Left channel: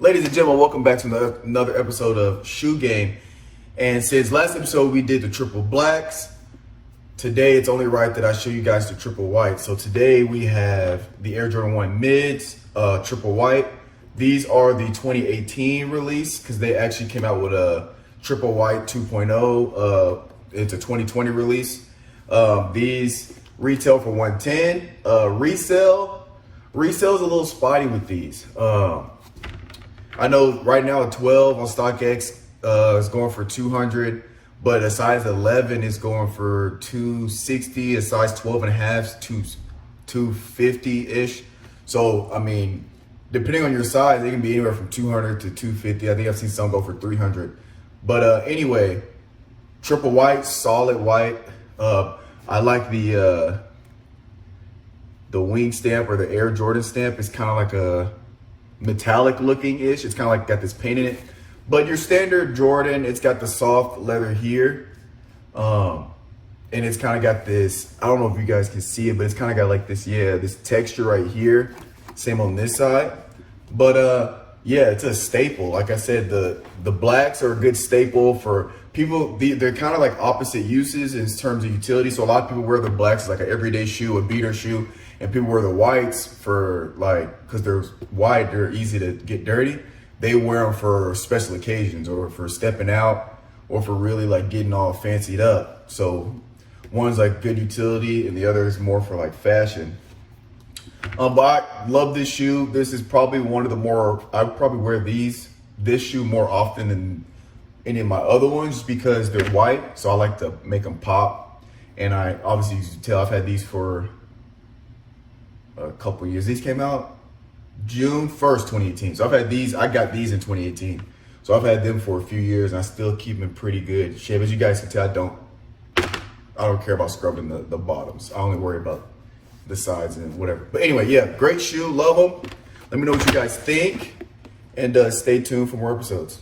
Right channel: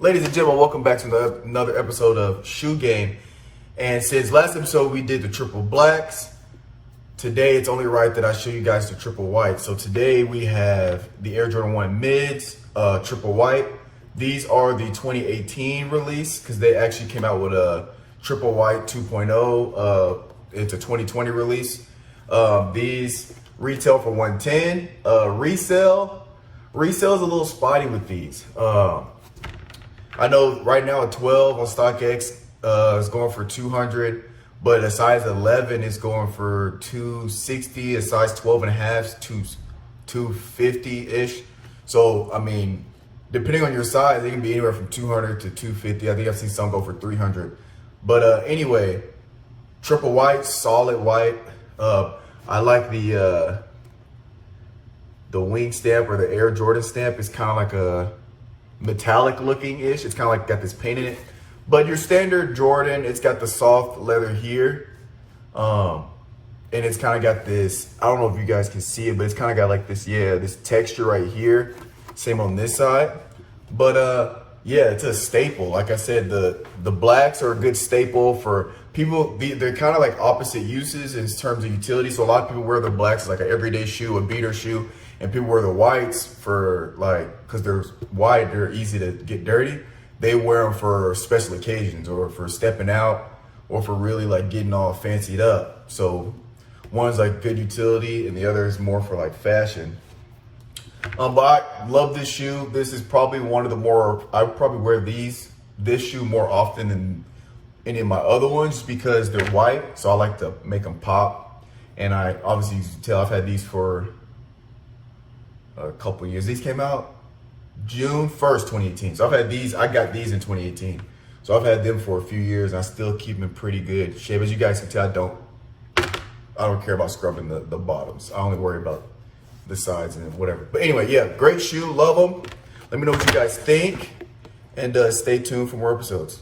Ladies and gentlemen, welcome back to another episode of Shoe Game. And since last episode we did the triple blacks, today it's only right that I show you guys the triple white. So today we have the Air Jordan 1 mids, triple white. These are the 2018 release because they actually came out with a triple white 2.0. It's a 2020 release. These retail for 110. Resale's a little spotty with these. I know right now a 12 on StockX is going for 200, but a size 11 is going for 260. A size 12 and a half is 250-ish. So, I mean, depending on your size, they can be anywhere from 200 to 250. I think I've seen some go for 300. But anyway, triple white, solid white. I like the wing stamp or the Air Jordan stamp. It's kind of like a metallic looking ish. It's kind of like got this paint in it. But your standard Jordan, it's got the soft leather here. And it's kind of got this, I don't know if you guys can see it, but it's kind of got like this, this texture right here. Same on this side. But yeah, it's a staple. Like I said, the blacks are a good staple for people. They're kind of like opposite uses in terms of utility. So a lot of people wear the blacks as like an everyday shoe, a beater shoe, and people wear the whites for like, because they're white, they're easy to get dirty. They wear them for special occasions or for stepping out or for really like getting all fancied up. So one's like good utility and the other is more for like fashion. But I love this shoe. This is probably one of the more, I would probably wear this shoe more often than any of my other ones just because they're white. So I like to make them pop. And I obviously, you can tell I've had these for a couple years. These came out June 1st, 2018. So I've had these, I got these in 2018. So I've had them for a few years and I still keep them in pretty good shape. As you guys can tell, I don't care about scrubbing the bottoms. I only worry about the sides and whatever. But anyway, yeah, great shoe, love them. Let me know what you guys think and stay tuned for more episodes.